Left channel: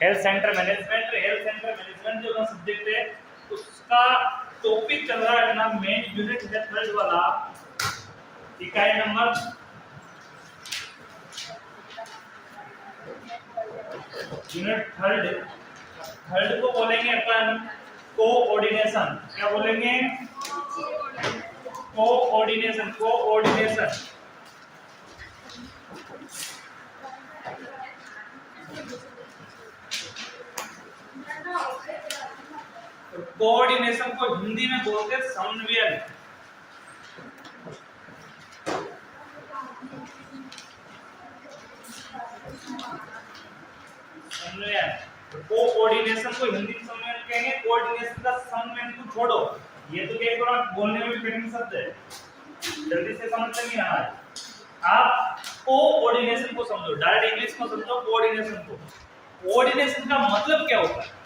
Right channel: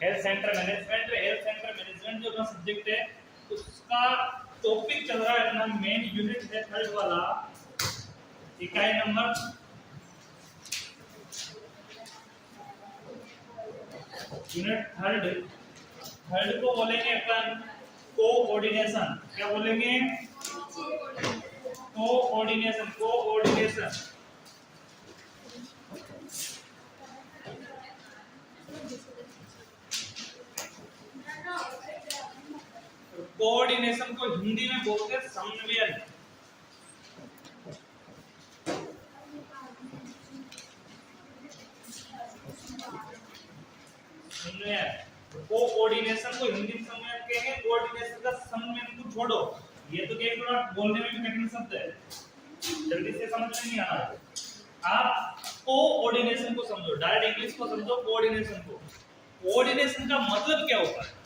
Health centre management जो subject है उसका टॉपिक चल रहा है अपना मेन यूनिट है थर्ड वाला, इकाई नंबर यूनिट थर्ड को बोलेंगे अपन कोऑर्डिनेशन। क्या बोलेंगे? कोऑर्डिनेशन। कोऑर्डिनेशन को हिंदी में बोलते हैं समन्वयन। कोऑर्डिनेशन को हिंदी में समन्वयन कहेंगे। कोऑर्डिनेशन का समन्वयन को छोड़ो, ये तो क्या थोड़ा बोलने में भी कठिन शब्द है, जल्दी से समझ में नहीं आ रहा है। आप कोऑर्डिनेशन को समझो, डायरेक्ट इंग्लिश को समझो कोऑर्डिनेशन को। कोऑर्डिनेशन का मतलब क्या होता है?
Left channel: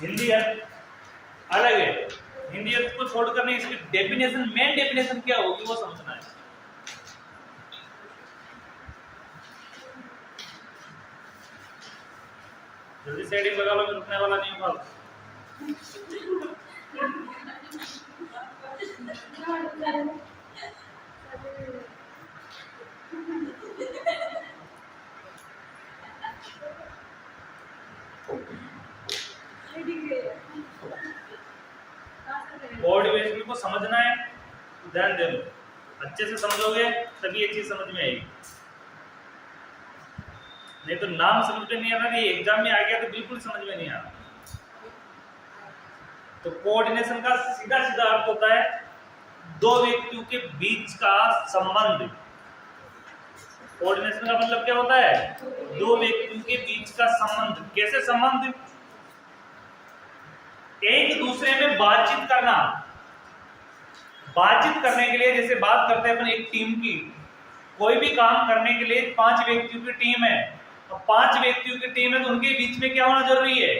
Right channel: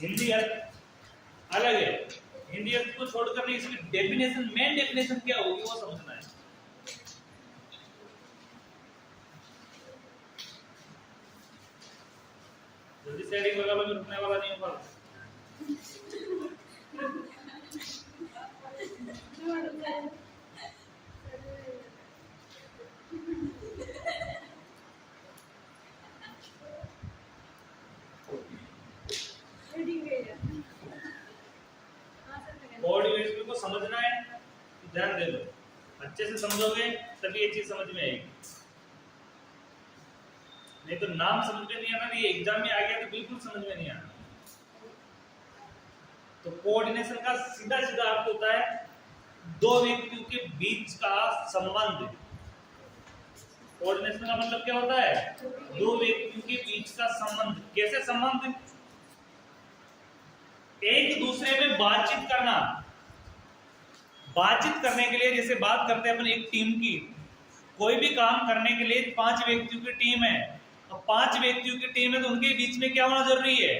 हिंदी अर्थ अलग है, हिंदी अर्थ को छोड़कर नहीं, इसकी डेफिनेशन, मेन डेफिनेशन क्या होगी वो समझना है। जल्दी से हेडिंग लगा लो, मैं रुकने वाला नहीं हूं। कोऑर्डिनेशन को समझना है तो ध्यान दे लो, अच्छे से समझोगे तभी ये चीज समझ में आएगी, नहीं तो नाम समझ में नहीं आ रहा, ये एग्जाम में आ गया तो बिल्कुल समझ में नहीं आ रहा। तो कोऑर्डिनेशन का सीधा सीधा अर्थ होता है दो व्यक्तियों के बीच का संबंध। कोऑर्डिनेशन का मतलब क्या होता है? दो व्यक्तियों के बीच का संबंध। कैसे संबंध? एक दूसरे में बातचीत करना। बातचीत करने के लिए जैसे बात करते हैं अपन एक टीम की, कोई भी काम करने के लिए 5 व्यक्तियों की टीम है, तो 5 व्यक्तियों की टीम है तो उनके बीच में क्या होना जरूरी है?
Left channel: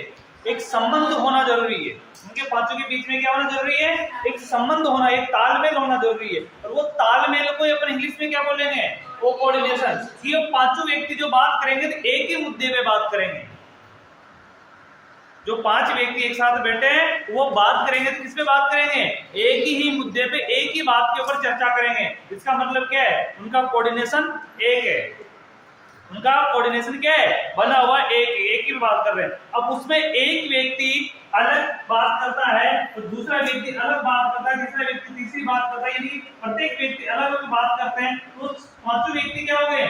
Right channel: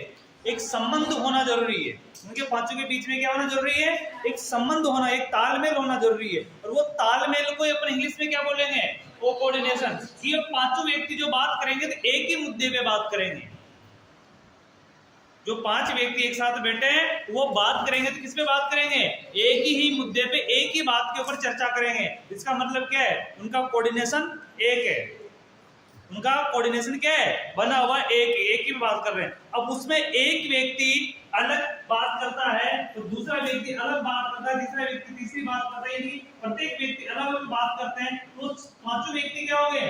एक संबंध होना जरूरी है। उनके पांचों के बीच में क्या होना जरूरी है? एक संबंध होना, एक तालमेल होना जरूरी है। और वो तालमेल को अपन इंग्लिश में क्या बोलेंगे? कोऑर्डिनेशन। ये पांचों व्यक्ति जो बात करेंगे तो एक ही मुद्दे पे बात करेंगे। जो 5 व्यक्ति एक साथ बैठे हैं वो बात करेंगे तो किस पे बात करेंगे? एक ही मुद्दे पे, एक ही बात के ऊपर चर्चा करेंगे। इसका मतलब क्या है? उनका कोऑर्डिनेशन एक है। उनका कोऑर्डिनेशन क्या है? बना हुआ एक ही बात कर रहे हैं। अब उसमें एक व्यक्ति अलग बात करता है तो दूसरा व्यक्ति अलग बात करता है, तीसरा व्यक्ति तीसरी बात करता है, यानी प्रत्येक व्यक्ति अलग अलग बात करते हैं। तो पांचों व्यक्ति क्या हो गए?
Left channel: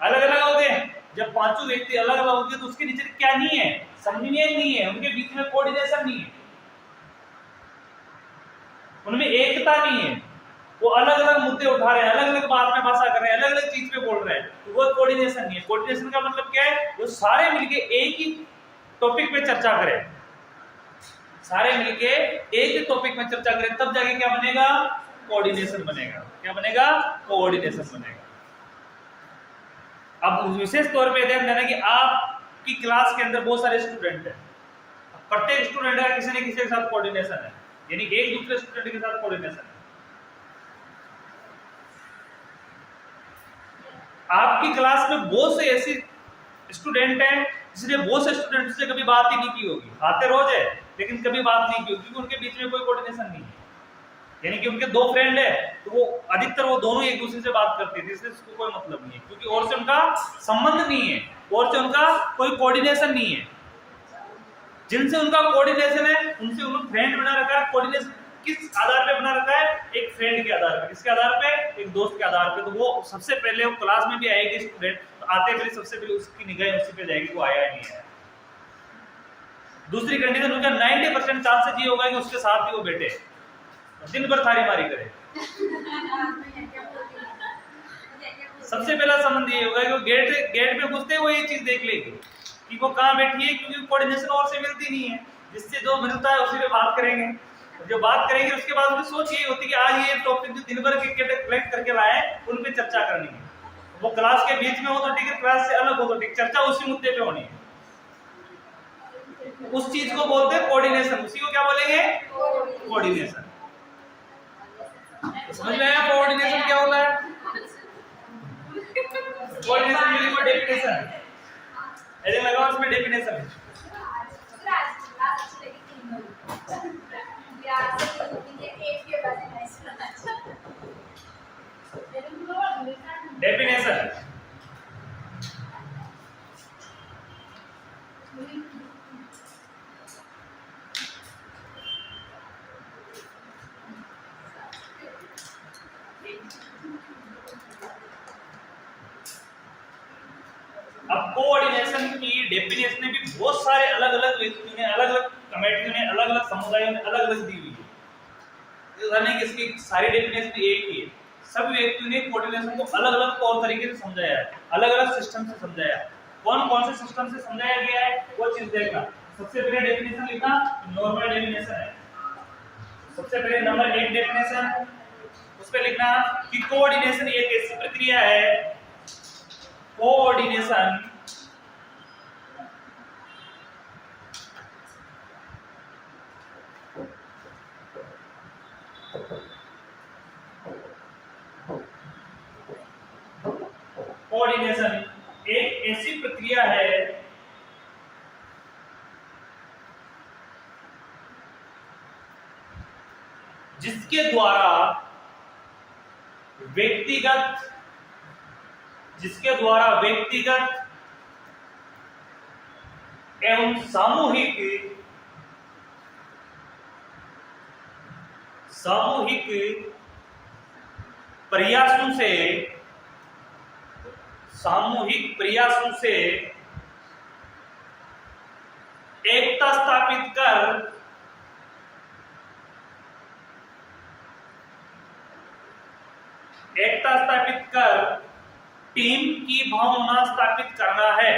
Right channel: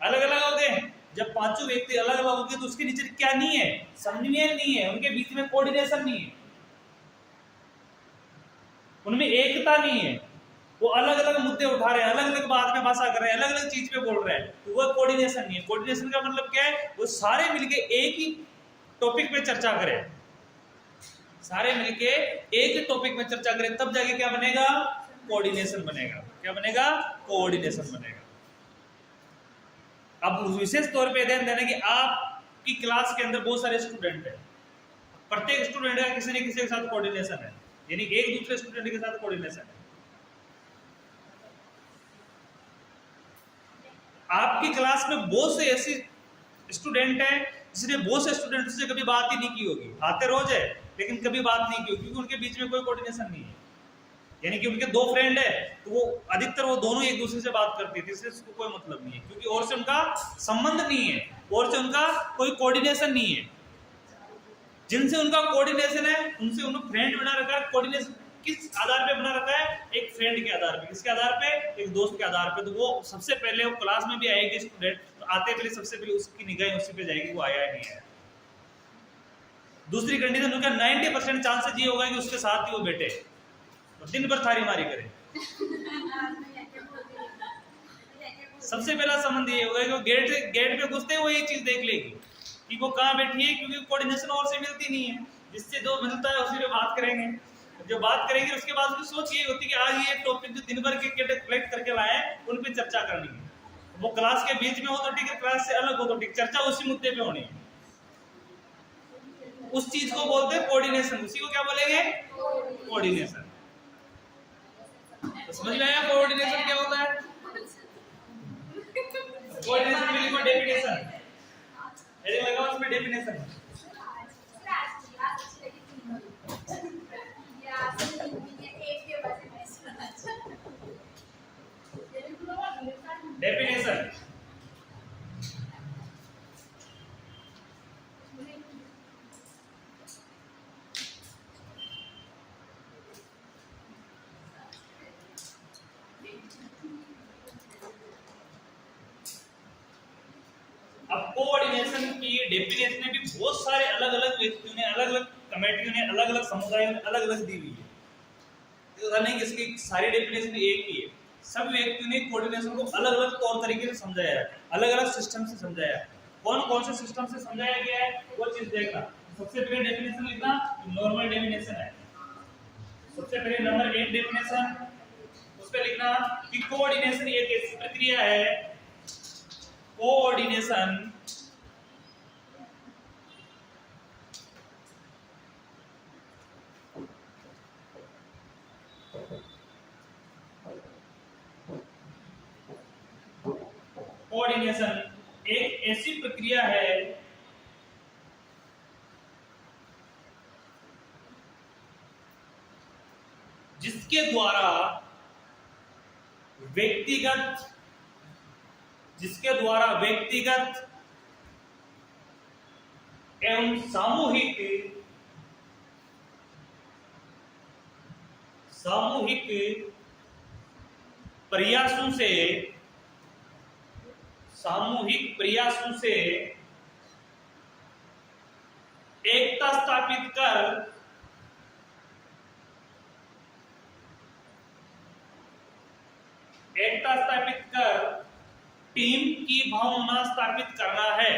अलग अलग हो गए। जब पांचों व्यक्ति अलग अलग हो गए तो उसके नीचे क्या नहीं है? समन्वय नहीं है, उनके बीच में कोऑर्डिनेशन नहीं है, उनमें एकता नहीं है। वो अलग अलग मुद्दे उठा रहे हैं, अलग अलग बात में भाषा कर रहे हैं, अलग अलग चीज पे बोल रहे हैं, तो वो कोऑर्डिनेशन नहीं है। कोऑर्डिनेशन का मतलब क्या है? वो सारे मिलके एक ही टॉपिक पे चर्चा करें, सारे मिलके एक ही टॉपिक में चर्चा करें, तब जाके क्या बनेगा? कोऑर्डिनेशन बनेगा। क्या बनेगा? कोऑर्डिनेशन बनेगा। अब विशेष तौर पे ध्यान देना कि आपकी क्लास के अंदर बहुत सारे स्टूडेंट हैं, प्रत्येक स्टूडेंट का किसी न किसी के साथ कोऑर्डिनेशन है, यानी एक दूसरे स्टूडेंट के साथ कोऑर्डिनेशन है। आपकी क्लास में बहुत से ऐसे स्टूडेंट हैं जिसने बहुत से स्टूडेंट से कभी बात ही नहीं की होगी, आते रोज है लेकिन कभी बात नहीं की होगी, क्योंकि उनके बीच में कोई कोऑर्डिनेशन नहीं है। यानी कि उनके 2 फ्रेंड है तो वो अधिकतर वो दोनों एक दूसरे से बात करते थे, इससे उसको कोई मतलब नहीं है, क्योंकि और से उनका संबंध नहीं है, और से उनका कोई कोऑर्डिनेशन नहीं है। जिनसे उनका कोऑर्डिनेशन है उनसे उन्होंने फ्रेंड बना रखा है। कोऑर्डिनेशन किस आधार पे बना रखा है? एक फ्रेंड के आधार पे। किसके आधार पे? एक दोस्त के आधार पे। तो वो सबसे पहले वो क्लास में भी आएगी स्टूडेंट, तो आते पहले सबसे पहले उसकी निगाह उसी पे जाएगी, वो आया नहीं आया। दूसरी कंडीशन उनका 90% चांसेस ये होगा कि उसके साथ ही वो बैठे, दिन भर थारी मारी करे। सबसे पहला संबंध ये होगा कि वो गेट पे घुसते वो ये चीज देख लेगी कि वो कहाँ बैठी है, क्योंकि कोऑर्डिनेशन और से मिलती नहीं है। जिससे जो मिलता है उसी पे बात करेंगे। जो बात करेंगे उसके बाद उनकी सोच ये होती है कि आज ये टॉपिक जो दिन भर के कलेक्ट करके लाए उन पे चर्चा करनी है। वो क्लास के बीच में हो तो ठीक है, क्लास से अलग हो तो ठीक, चर्चा उसी मुद्दे पे होनी है। उस चीज को बोलते हैं कोऑर्डिनेशन। उसी को क्या बोलेंगे? कोऑर्डिनेशन। समझ में आया कोऑर्डिनेशन क्या होता है? कोऑर्डिनेशन की डेफिनेशन ऐसे लगा उसमें डेफिनेशन डेफिनेशन अब कोऑर्डिनेशन की डेफिनेशन भी बहुत सारे अलग अलग व्यक्तियों ने, अलग अलग कमेटियों ने, अलग अलग समुदायों ने अलग अलग दी हुई है। ऐसा नहीं कि इसकी सारी डेफिनेशन एक ही है। सब व्यक्तियों ने कोऑर्डिनेशन को अलग अलग तौर तरीके से समझाया है, अलग अलग सिस्टम से समझाया है। कौन कौन से सिस्टम से समझाया गया है वो चीज देखना। सबसे पहले डेफिनेशन लिखना, नॉर्मल डेफिनेशन है। सबसे पहले नंबर 1 डेफिनेशन, उस पे लिखना कि कोऑर्डिनेशन एक ऐसी प्रक्रिया है, कोऑर्डिनेशन कोऑर्डिनेशन एक ऐसी प्रक्रिया है जिसके द्वारा व्यक्तिगत एवं सामूहिक प्रयासों से एकता स्थापित कर टीम की भावना स्थापित करना है।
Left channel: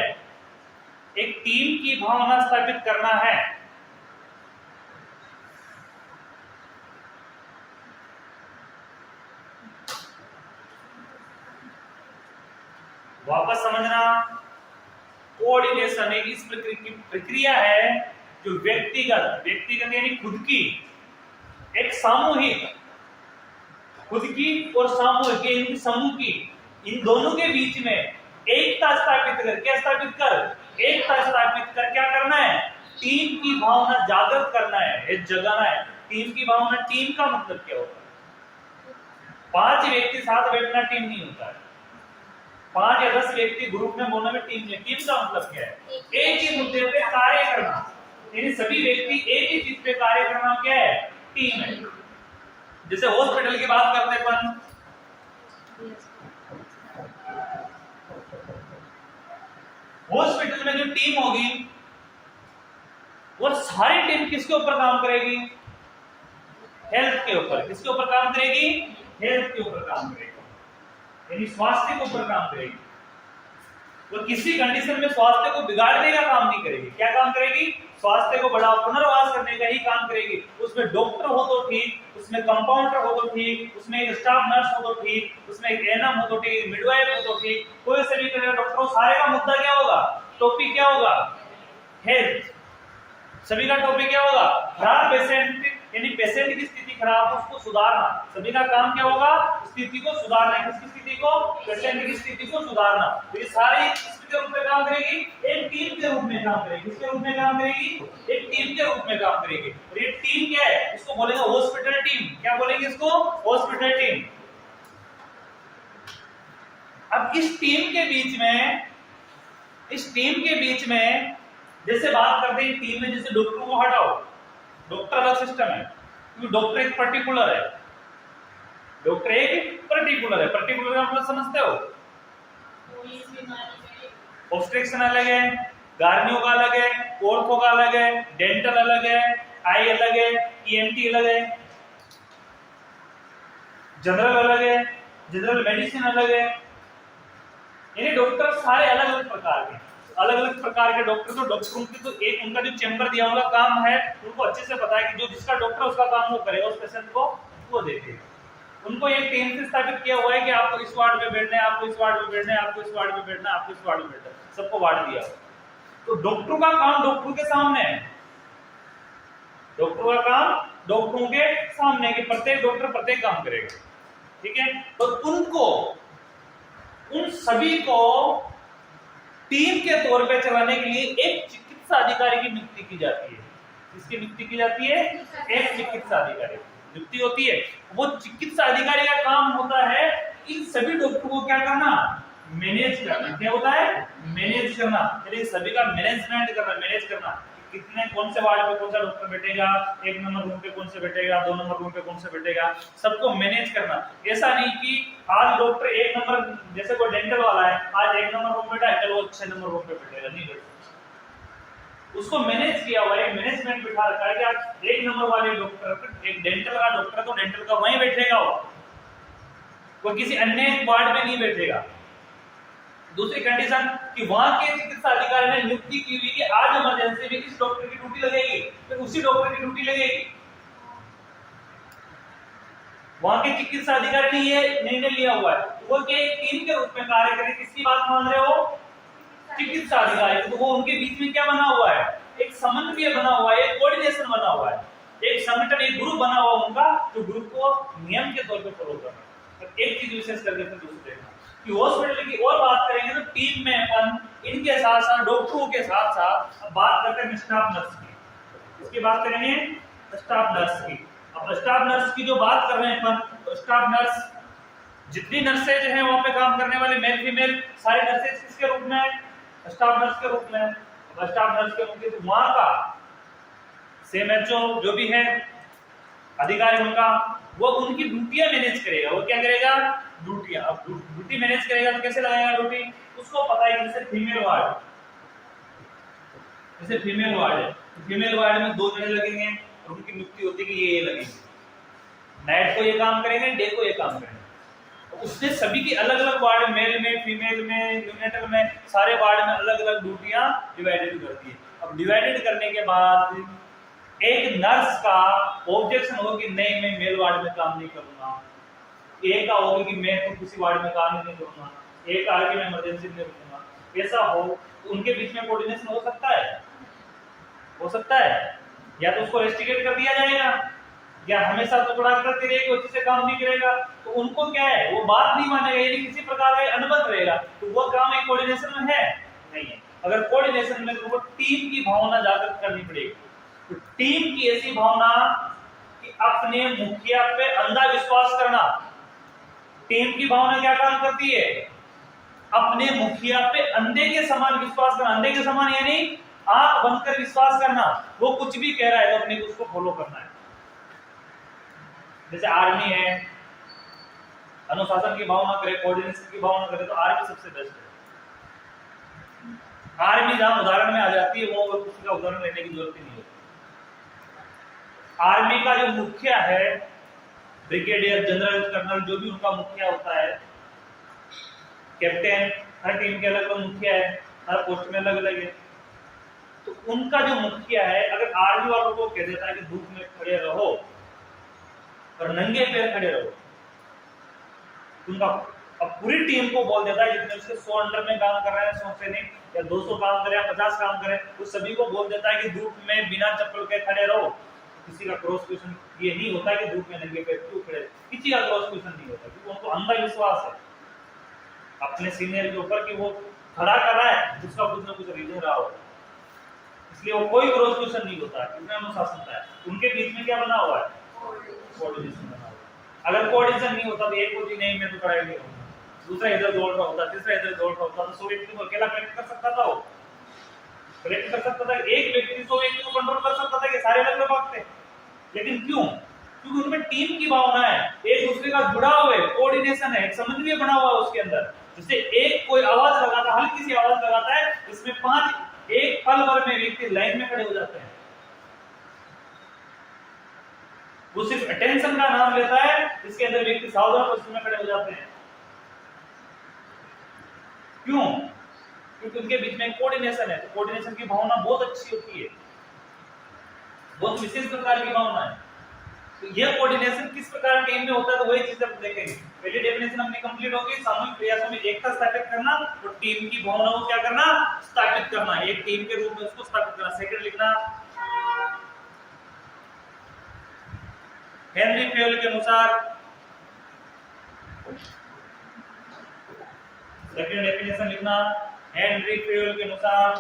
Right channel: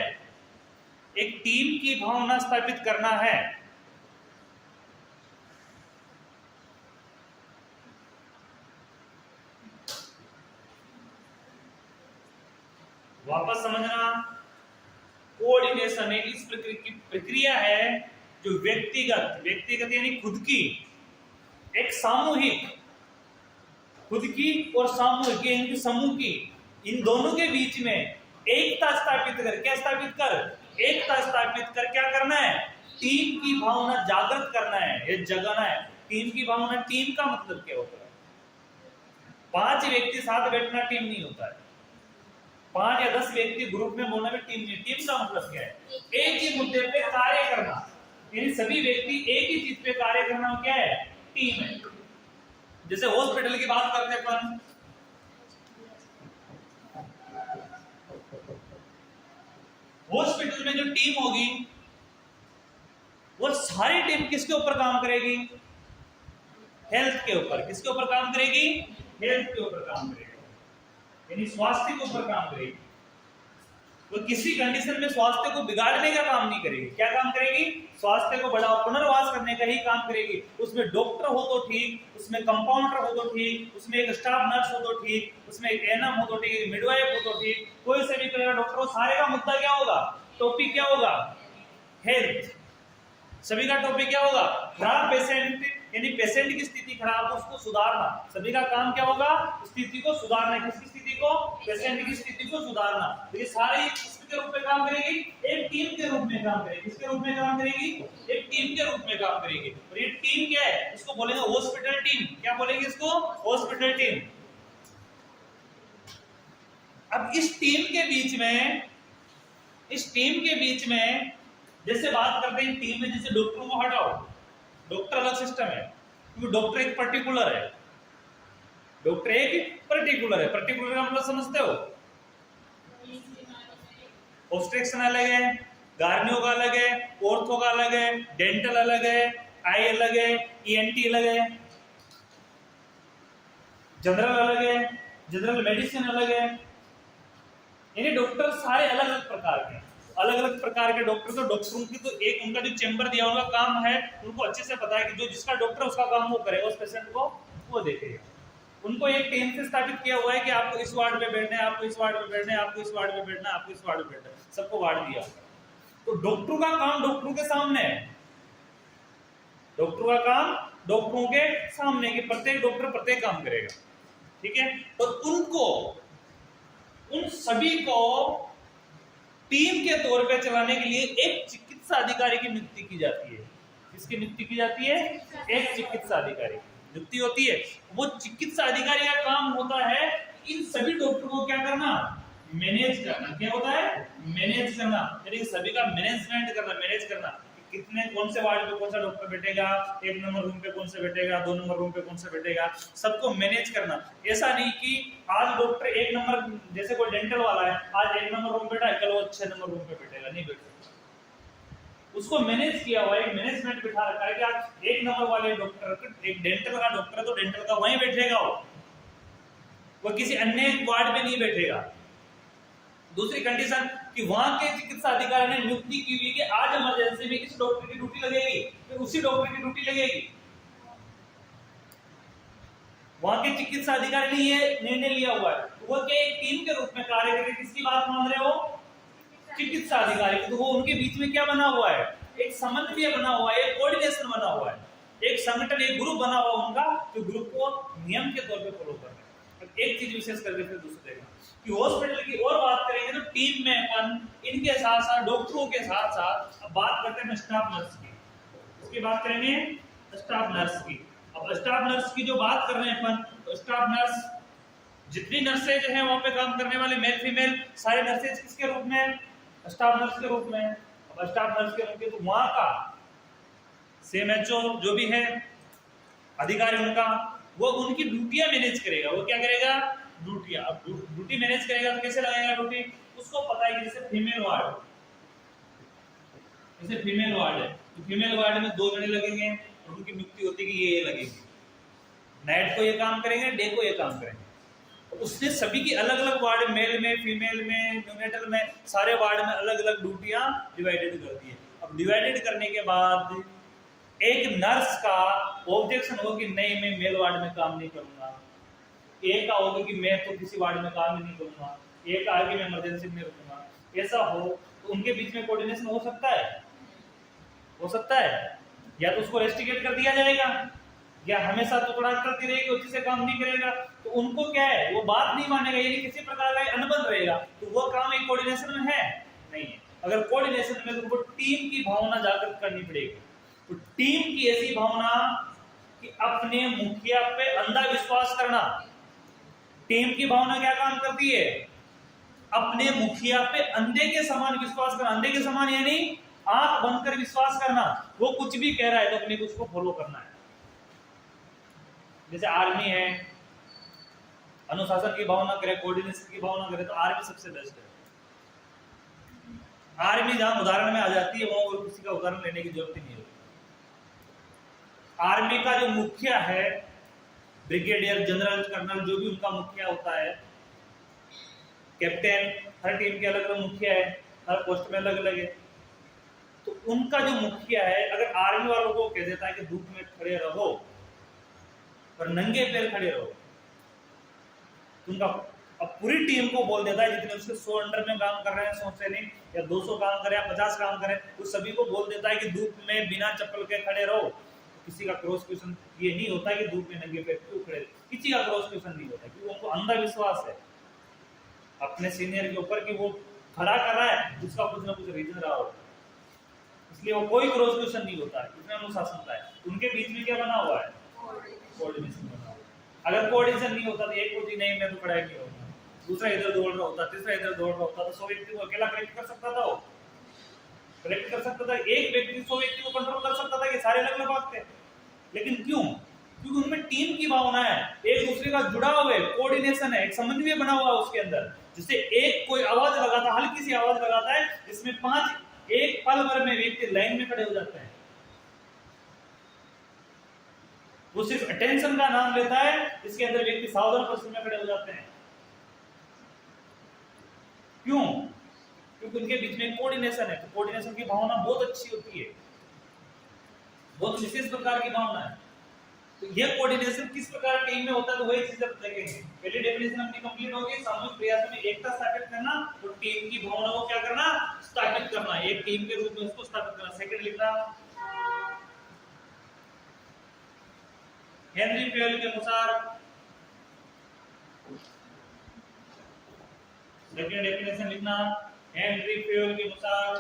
एक टीम की भावना स्थापित करना है। वापस समझना, कोऑर्डिनेशन एक इस प्रक्रिया है जो व्यक्तिगत यानी खुद की, एक सामूहिक, खुद की और सामूहिक यानी समूह की, इन दोनों के बीच में एकता स्थापित कर, क्या स्थापित कर, एकता स्थापित कर क्या करना है, टीम की भावना जागृत करना है, ये जगाना है। टीम की भावना, टीम का मतलब क्या होता है? 5 व्यक्ति साथ बैठना टीम नहीं होता है। 5 या 10 व्यक्ति ग्रुप में बोलना में टीम नहीं। टीम का मतलब क्या है? एक ही मुद्दे पे कार्य करना, यानी सभी व्यक्ति एक ही चीज पे कार्य करना क्या है? टीम है। जैसे हॉस्पिटल की बात करते हैं अपन, हॉस्पिटल में जो टीम होगी वो सारी टीम किसके ऊपर काम करेगी? हेल्थ के ऊपर। किसके ऊपर काम करेगी? हेल्थ के ऊपर काम करेगी, यानी स्वास्थ्य के ऊपर काम करेगी। वो किसी कंडीशन में स्वास्थ्य को बिगाड़ने का काम नहीं करेगी। क्या काम करेगी? स्वास्थ्य को बड़ा पुनर्वास करने का ही काम करेगी। उसमें डॉक्टर हो तो ठीक, उसमें कंपाउंडर हो तो ठीक, उसमें एक स्टाफ नर्स हो तो ठीक, उसमें एक एएनएम हो तो ठीक, मिडवाइफ हो तो ठीक, कोई से भी डॉक्टर हो, सारे का मुद्दा क्या होगा? टॉपिक क्या होगा? हेल्थ। सभी का टॉपिक क्या होगा? खराब पेशेंट, यानी पेशेंट की स्थिति खराब है उसको सुधारना। सभी का काम क्या होगा? स्थिति को सुधारना। किसकी स्थिति को? पेशेंट की स्थिति को सुधारना। तो ये सारी किसके रूप में काम करेगी? एक टीम के रूप में काम करेगी। किसके रूप में काम करेगी? एक टीम के रूप में काम करेगी। और ये टीम क्या है? इसको बोलेंगे हॉस्पिटल टीम। क्या बोलेंगे इसको? Hospital team. अब इस टीम के बीच में जैसे बात करते हैं टीम में, जैसे डॉक्टर को हटाओ, डॉक्टर अलग सिस्टम है, क्योंकि डॉक्टर एक पर्टिकुलर है। पर्टिकुलर का मतलब समझते हो? ऑब्स्ट्रक्शन अलग है, गार्नियो का अलग है, ऑर्थो का अलग है, डेंटल अलग है, आई अलग है, ईएनटी अलग है, जनरल अलग है, जनरल मेडिसिन अलग है। यानी डॉक्टर सारे अलग अलग प्रकार के डॉक्टर। तो डॉक्टरों की तो एक उनका जो चैम्बर दिया उनका काम है, उनको अच्छे से पता है कि जो जिसका डॉक्टर उसका काम वो करेगा, उस पेशेंट को वो देखेगा। उनको एक टीम से स्थापित किया हुआ है कि आपको इस वार्ड में बैठना है, आपको इस वार्ड में बैठना है, आपको इस वार्ड में बैठना है, आपको इस वार्ड में बैठना है, सबको वार्ड दिया। तो डॉक्टरों का काम डॉक्टरों के सामने है। डॉक्टरों का काम डॉक्टरों के सामने, कि प्रत्येक डॉक्टर प्रत्येक काम करेगा। ठीक है? तो उन सभी को टीम के तौर पे चलाने के लिए एक चिकित्सा अधिकारी की नियुक्ति की जाती है। किसकी नियुक्ति की जाती है? एक चिकित्सा अधिकारी नियुक्ति होती है। वो चिकित्सा अधिकारी का काम होता है इन सभी डॉक्टर को क्या करना? मैनेज करना। क्या होता है? मैनेज करना, यानी सभी का मैनेजमेंट करना, मैनेज करना। कितने कौन से वार्ड में कौन सा डॉक्टर बैठेगा, 1 नंबर रूम पे कौन से बैठेगा, 2 नंबर रूम पे कौन से बैठेगा, सबको मैनेज करना। ऐसा नहीं कि आज डॉक्टर 1 नंबर, जैसे कोई डेंटल वाला है, आज 1 नंबर रूम बैठा है, कल वो 6 नंबर रूम पे बैठेगा, नहीं बैठेगा। उसको मैनेज किया हुआ है, मैनेजमेंट बिठा रखा है कि आज 1 नंबर वाले डॉक्टर, एक डेंटल का डॉक्टर तो डेंटल का वहीं बैठेगा, वो किसी अन्य वार्ड में नहीं बैठेगा। दूसरी कंडीशन कि वहां के चिकित्सा अधिकारी ने नियुक्ति की हुई कि आज इमरजेंसी में किस डॉक्टर की ड्यूटी लगेगी, फिर उसी डॉक्टर की ड्यूटी लगेगी। वहां के चिकित्सा अधिकारी ने ये निर्णय लिया हुआ है, वो क्या टीम के रूप में कार्य करें। किसकी बात मान रहे हो? चिकित्सा अधिकारी। तो वो उनके बीच में क्या बना हुआ है? एक समन्वय बना हुआ है, एक कोऑर्डिनेशन बना हुआ है, एक संगठन, एक ग्रुप बना हुआ उनका, जो ग्रुप को नियम के तौर पे फॉलो करना है। एक चीज विशेष करके फिर दूसरी देखना कि हॉस्पिटल की और बात करेंगे तो टीम में अपन इनके साथ साथ डॉक्टरों के साथ साथ अब बात करते हैं स्टाफ नर्स की। इसकी बात करेंगे स्टाफ नर्स की। अब स्टाफ नर्स की जो बात कर रहे हैं अपन, तो स्टाफ नर्स जितनी नर्सेज हैं वहां पे काम करने वाले मेल फीमेल सारे नर्सेज किसके रूप में? स्टाफ नर्स के रूप में। अब स्टाफ नर्स के रूप में तो वहां का सीएमएचओ जो भी है अधिकारी उनका, वो उनकी ड्यूटियां मैनेज करेगा। वो क्या करेगा? ड्यूटियां। अब ड्यूटी मैनेज करेगा तो कैसे लगाएगा ड्यूटी? उसको पता है कि जैसे फीमेल वार्ड, जैसे फीमेल वार्ड है तो फीमेल वार्ड में 2 जने लगेंगे और उनकी नियुक्ति होती है कि ये लगेंगे, नाइट को ये काम करेंगे, डे को ये काम करेंगे। उसने सभी की अलग अलग वार्ड, मेल में, फीमेल में, न्यूनेटल में, सारे वार्ड में अलग अलग ड्यूटियां डिवाइडेड करती है। अब डिवाइडेड करने के बाद एक नर्स का ऑब्जेक्शन हो कि नहीं मैं मेल वार्ड में काम नहीं करूंगा, एक का होगी कि मैं तो किसी वार्ड में काम ही नहीं करूंगा, एक का कि मैं इमरजेंसी में रुकूंगा, ऐसा हो तो उनके बीच में कोऑर्डिनेशन हो सकता है? हो सकता है। या तो उसको रेस्ट्रिकेट कर दिया जाएगा या हमेशा तो थोड़ा करते रहेगा, अच्छे से काम नहीं करेगा तो उनको क्या है, वो बात नहीं मानेगा, यदि किसी प्रकार का अनबन रहेगा तो वो काम एक कोऑर्डिनेशन में है नहीं है। अगर कोऑर्डिनेशन में तो उनको टीम की भावना जागृत करनी पड़ेगी। तो टीम की ऐसी भावना कि अपने मुखिया पे अंधा विश्वास करना। टीम की भावना क्या काम करती है? अपने मुखिया पे अंधे के समान विश्वास करना। अंधे के समान यानी आंख बंद कर विश्वास करना, वो कुछ भी कह रहा है तो अपने को उसको फॉलो करना है। जैसे आर्मी है, अनुशासन की भावना करे, कोऑर्डिनेशन की भावना करे तो आर्मी सबसे बेस्ट है। आर्मी जहां उदाहरण में आ जाती है वो किसी का उदाहरण लेने की जरूरत ही नहीं होती। आर्मी का जो मुखिया है, ब्रिगेडियर, जनरल, कर्नल, जो भी उनका मुखिया होता है, कैप्टन, हर टीम के अलग अलग मुखिया है, हर पोस्ट में अलग अलग है। तो उनका जो मुखिया है अगर आर्मी वालों को कह देता है कि धूप में खड़े रहो और नंगे पैर खड़े रहो, उनका अब पूरी टीम को बोल देता है, जितने उसके 100 अंडर में काम कर रहे हैं, 100 सैनिक या 200 काम करे या 50 काम करे, वो सभी को बोल देता है कि धूप में बिना चप्पल के खड़े रहो। किसी का क्रॉस क्वेश्चन ये नहीं होता कि धूप में नंगे पैर क्यों खड़े, किसी का क्रॉस क्वेश्चन नहीं होता क्योंकि उनको अंधा विश्वास है अपने सीनियर के ऊपर कि वो खड़ा कर रहा है, उसका कुछ ना कुछ रीजन रहा होगा, इसलिए वो कोई क्रॉस क्वेश्चन नहीं होता है। इतना अनुशासन है। उनके बीच में क्या बना हुआ है? कोऑर्डिनेशन बना हुआ है। अगर कोऑर्डिनेशन नहीं होता तो एक को नहीं मैं तो खड़ा ही नहीं रहूंगा, दूसरा इधर दौड़ रहा होता, तीसरा इधर दौड़ रहा होता, तो 100 व्यक्ति को अकेला कलेक्ट कर सकता था, वो कलेक्ट कर सकता था। एक व्यक्ति 100 व्यक्ति को कंट्रोल कर सकता था कि सारे अलग अलग भागते। लेकिन क्यों? क्योंकि उनमें टीम की भावना है, एक दूसरे का जुड़ाव है, कोऑर्डिनेशन है, एक समन्वय बना हुआ है उसके अंदर। जिससे एक कोई आवाज लगाता, हल्की सी आवाज लगाता है, इसमें 5 एक पल भर में व्यक्ति लाइन में खड़े हो जाते हैं। वो सिर्फ अटेंशन का नाम लेता है, इसके अंदर व्यक्ति सावधान पोजीशन में खड़े हो जाते हैं। क्यों? क्योंकि उनके बीच में कोऑर्डिनेशन है। तो कोऑर्डिनेशन की भावना बहुत अच्छी होती है, बहुत विशेष प्रकार की भावना है। तो यह कोऑर्डिनेशन किस प्रकार टीम में होता है, तो वही चीज आप देखेंगे। पहली डेफिनेशन अपनी कंप्लीट होगी, सामूहिक प्रयासों में एकता स्थापित करना और टीम की भावना को क्या करना? स्थापित करना, एक टीम के रूप में उसको स्थापित करना। सेकंड लिखना, हेनरी फेयल के अनुसार सेकंड डेफिनेशन लिखना, हेनरी फेयल के अनुसार,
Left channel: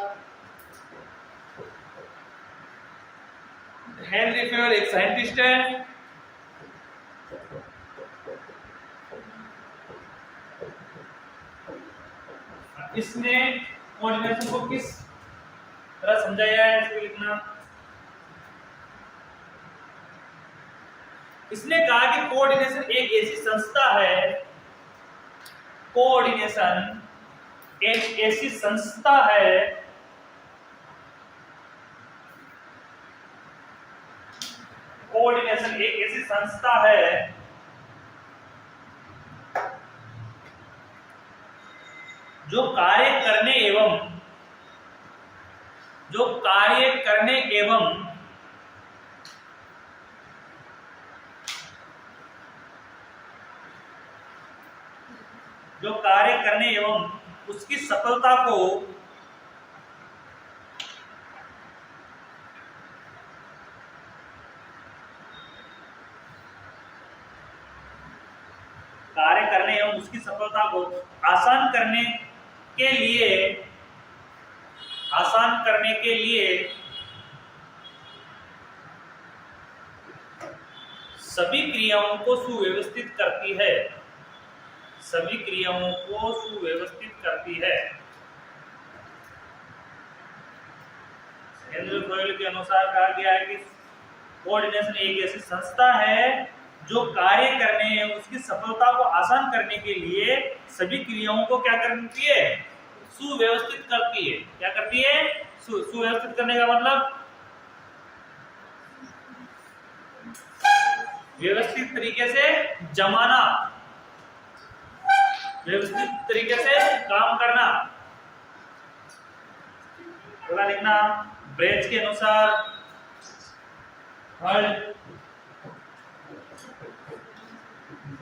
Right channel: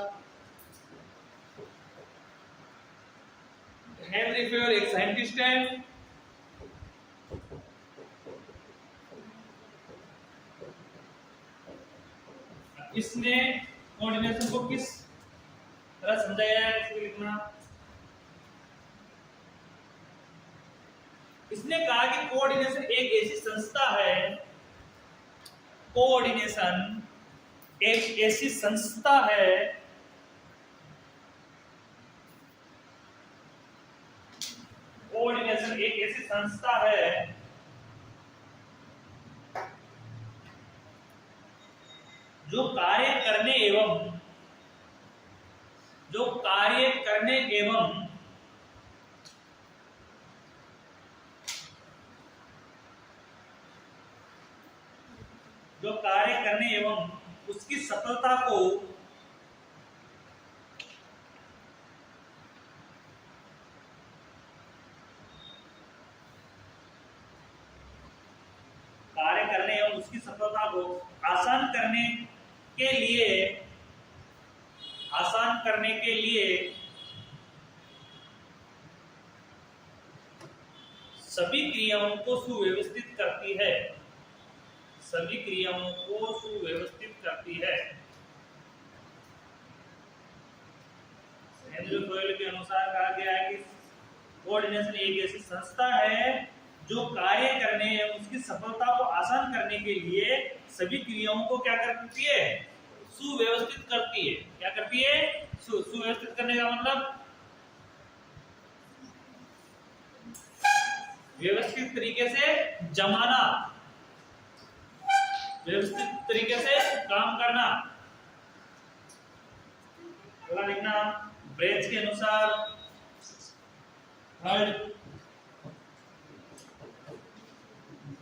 हेनरी फेयल एक साइंटिस्ट है। इसने कोऑर्डिनेशन को किस तरह समझाया है, इसको लिखना। इसने कहा कि कोऑर्डिनेशन एक ऐसी संस्था है, कोऑर्डिनेशन एक ऐसी संस्था है कोऑर्डिनेशन एक ऐसी संस्था है जो कार्य करने एवं जो कार्य करने एवं उसकी सफलता को आसान करने के लिए सभी क्रियाओं को सुव्यवस्थित करती है, सभी क्रियाओं को सुव्यवस्थित करती है। हेनरी फेयल के अनुसार कहा गया है कि कोऑर्डिनेशन एक ऐसी संस्था है जो कार्य करने एवं उसकी सफलता को आसान करने के लिए सभी क्रियाओं को क्या करती है, सुव्यवस्थित करती है। क्या करती है? सुव्यवस्थित करने का मतलब व्यवस्थित तरीके से जमाना, व्यवस्थित तरीके से काम करना। थोड़ा लिखना। ब्रेच के अनुसार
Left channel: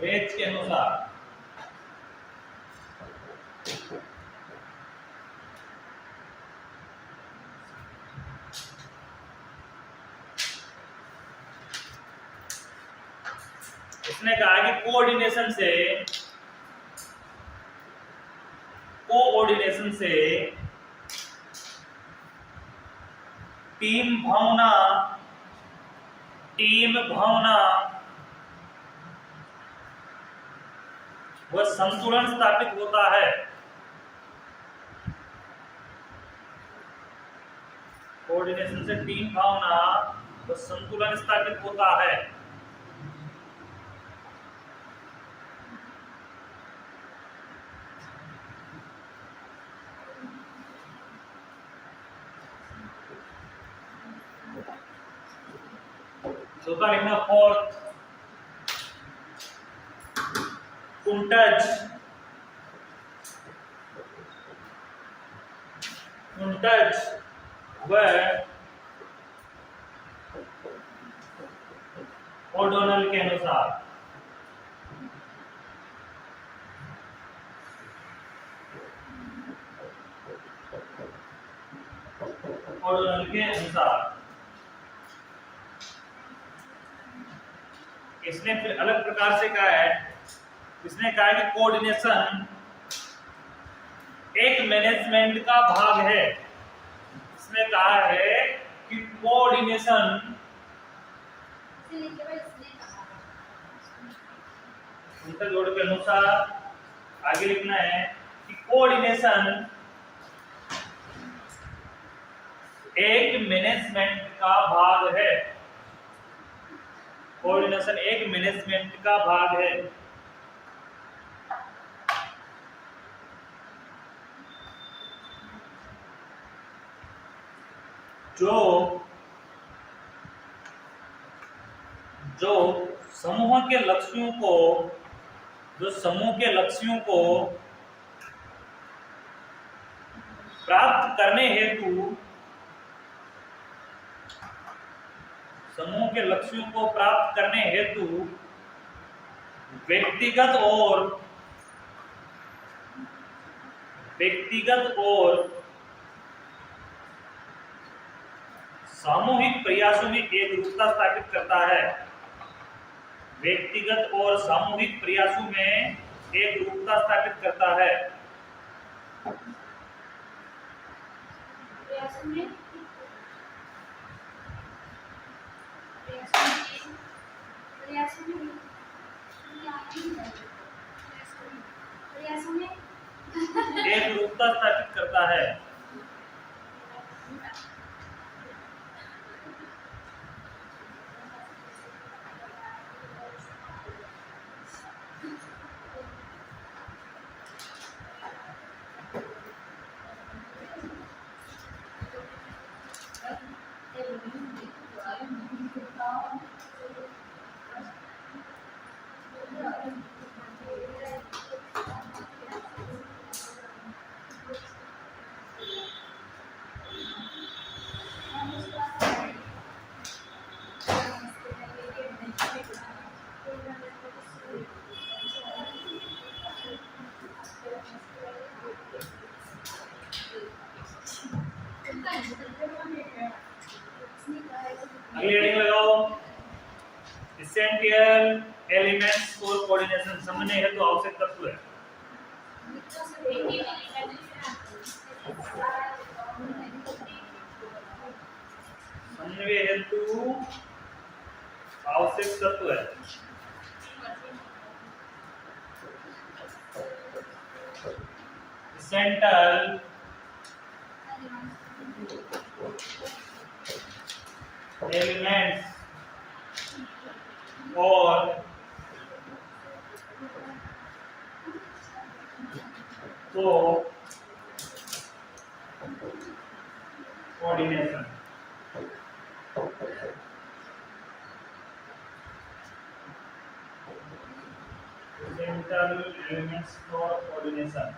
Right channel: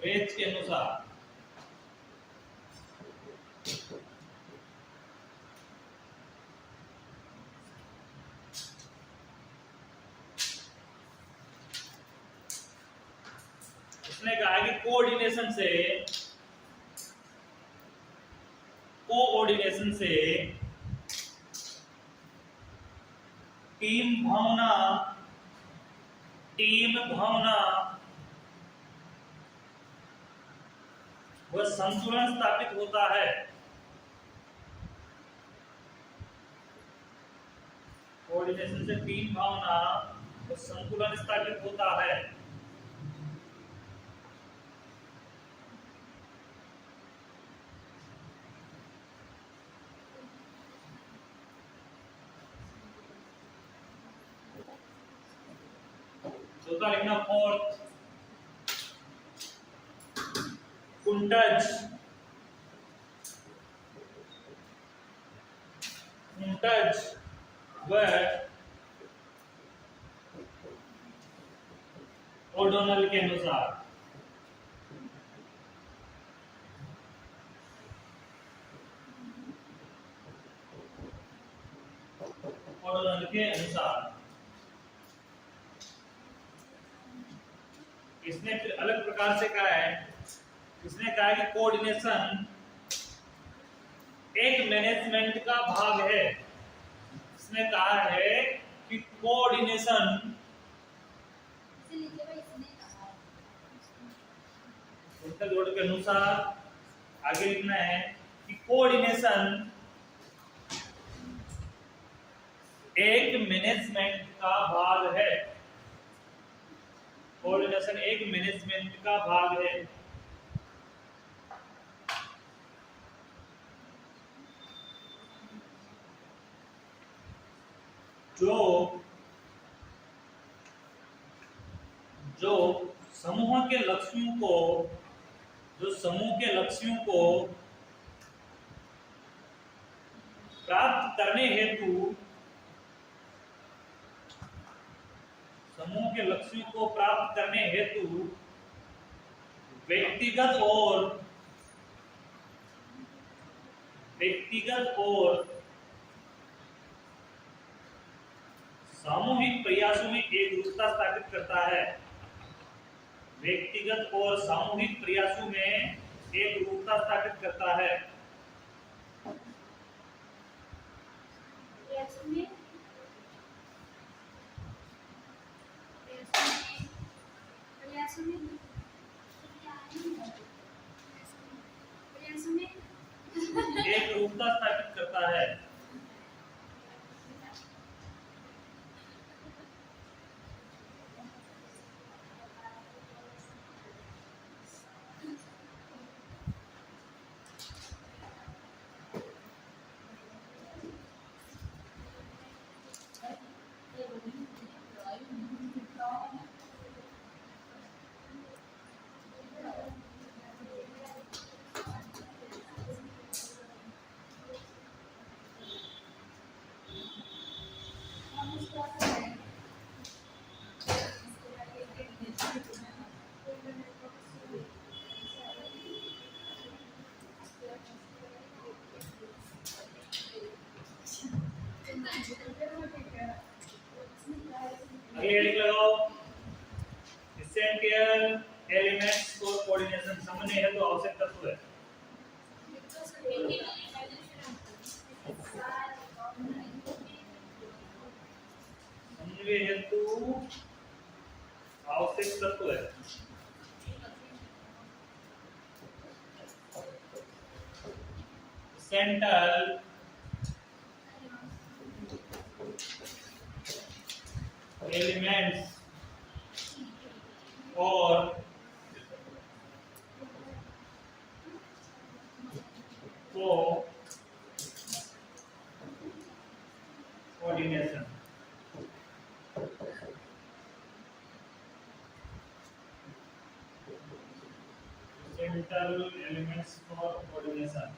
ब्रेच के अनुसार उसने कहा कि कोऑर्डिनेशन से टीम भावना वह संतुलन स्थापित होता है। कोऑर्डिनेशन से टीम भावना वह संतुलन स्थापित होता है। चौथा लिखना फोर्थ, कुंटज व ओडोनल के अनुसार इसने फिर अलग प्रकार से कहा है। इसने कहा कि कोऑर्डिनेशन एक मैनेजमेंट का भाग है। इसने कहा है कि कोऑर्डिनेशन उनका जोड़ के अनुसार आगे लिखना है कि कोऑर्डिनेशन एक मैनेजमेंट का भाग है। कोऑर्डिनेशन एक मैनेजमेंट का भाग है। जो समूह के लक्ष्यों को प्राप्त करने हेतु व्यक्तिगत और सामूहिक प्रयासों में एकरूपता स्थापित करता है। व्यक्तिगत और सामूहिक प्रयासों में एकरूपता स्थापित करता है। एक रूपता स्थापित करता है। अगली हेडिंग लगाओ, एसेंशियल एलिमेंट्स फॉर कोऑर्डिनेशन। समन्वय हेतु आवश्यक तत्व है। समन्वय हेतु आवश्यक तत्व है। सेंट्रल एलिमेंट्स और coordination. Central elements for coordination.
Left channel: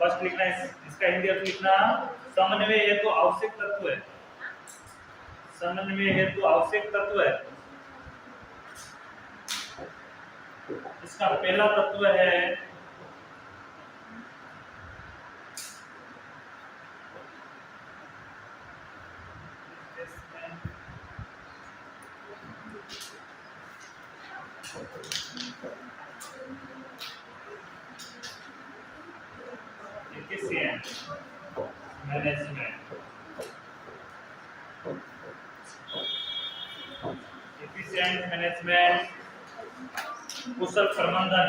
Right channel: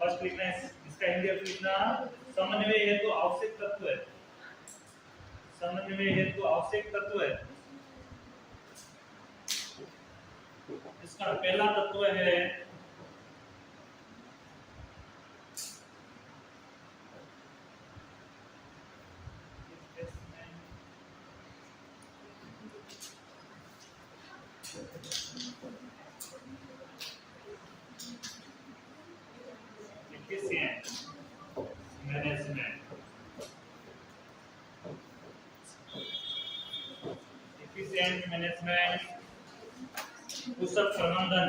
First लिखना है, इसका हिंदी अर्थ लिखना, समन्वय हेतु आवश्यक तत्व है। समन्वय हेतु आवश्यक तत्व है। इसका पहला तत्व है मैनेजमेंट। एफिशिएंट मैनेजमेंट, कुशल प्रबंधन।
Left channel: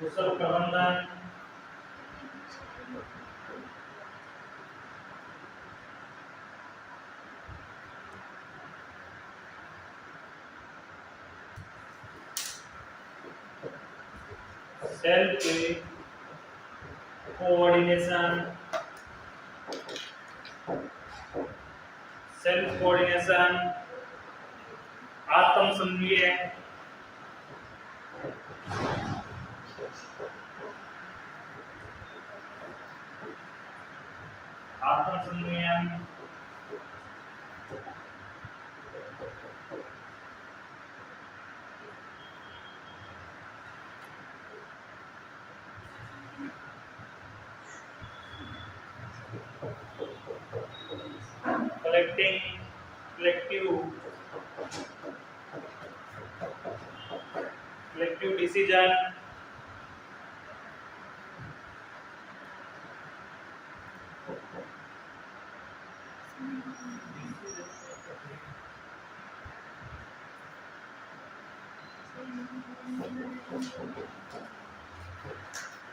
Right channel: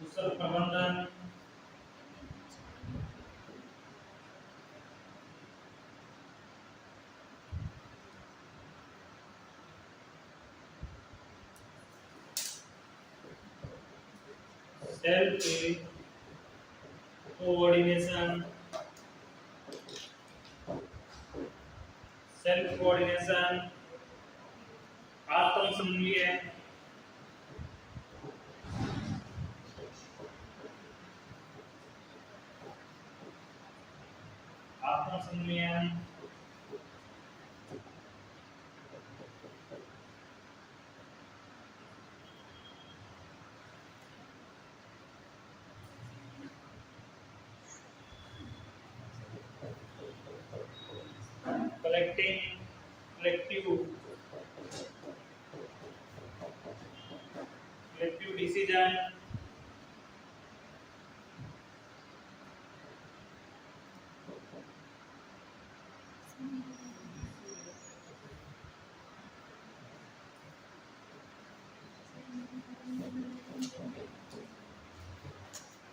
कुशल प्रबंधन सेल्फ कोऑर्डिनेशन। सेल्फ कोऑर्डिनेशन, आत्म समन्वय, आत्म समन्वय,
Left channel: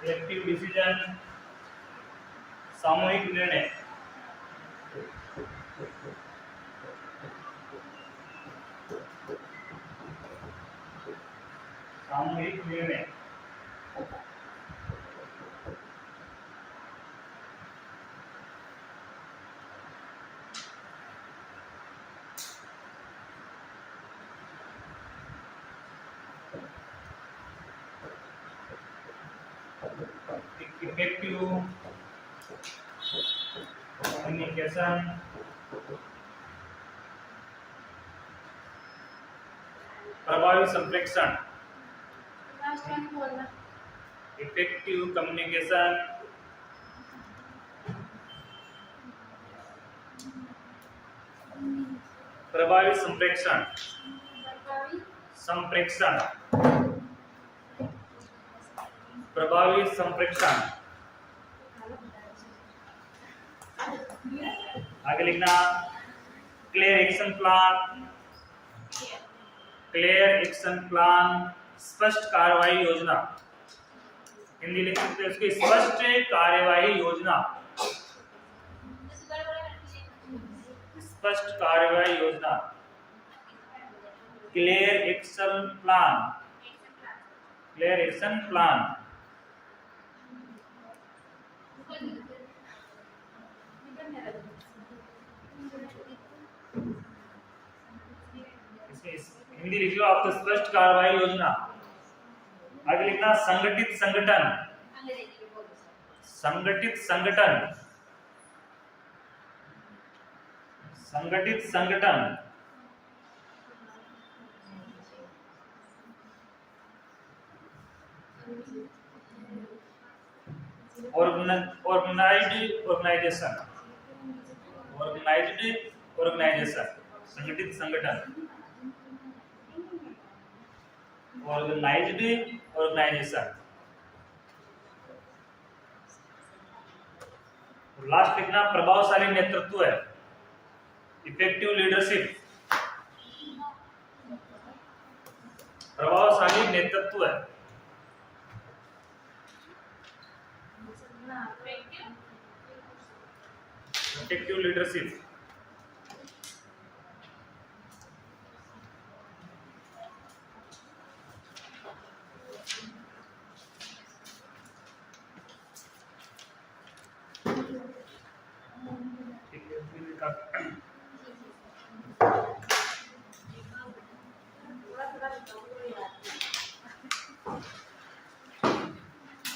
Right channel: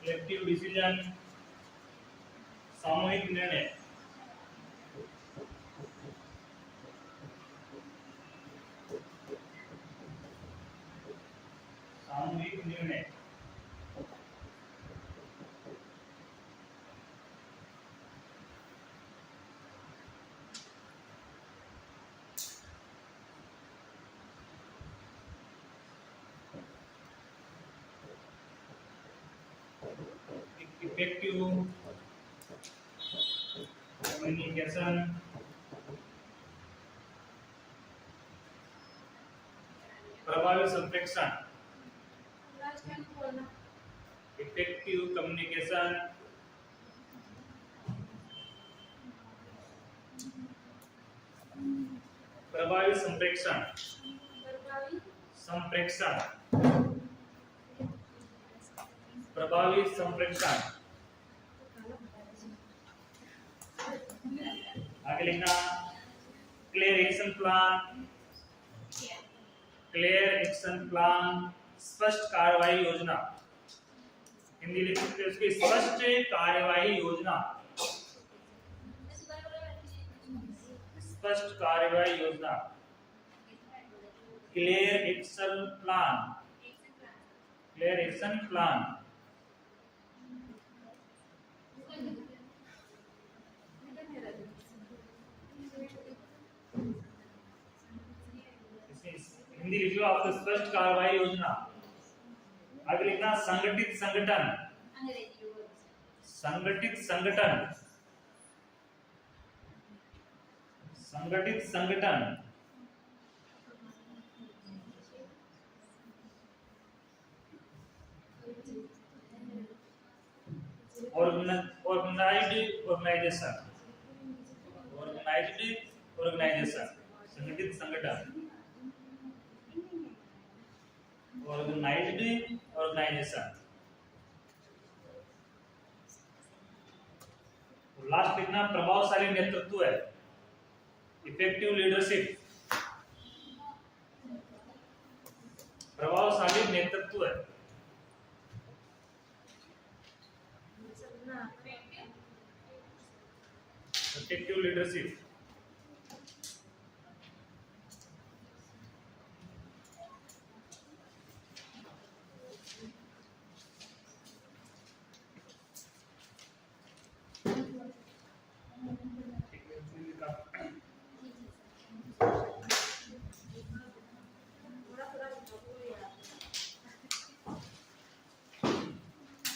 collective decision, सामूहिक निर्णय। सामूहिक निर्णय, इफेक्टिव कम्युनिकेशन, प्रभावी संप्रेषण। इफेक्टिव कम्युनिकेशन, प्रभावी संप्रेषण, संप्रेषण, प्रभावी संप्रेषण। आगे लिखना clear action plan, clear action plan, स्पष्ट कार्रवाई योजना। हिंदी लिख सकते हैं उसकी स्पष्ट कार्यवाही योजना, स्पष्ट कार्यवाही योजना, clear action plan, clear action plan. Hindi लिख लो आप तो स्पष्ट कार्रवाई योजना। आगे लिखना संगठित संगठन, संगठित संगठन, संगठित संगठन, ऑर्गेनाइज्ड ऑर्गेनाइजेशन, ऑर्गेनाइज्ड ऑर्गेनाइजेशन, संगठित संगठन, ऑर्गेनाइज्ड ऑर्गेनाइजेशन। लास्ट लिखना प्रभावशाली नेतृत्व है, इफेक्टिव लीडरशिप, प्रभावशाली नेतृत्व है, इफेक्टिव लीडरशिप।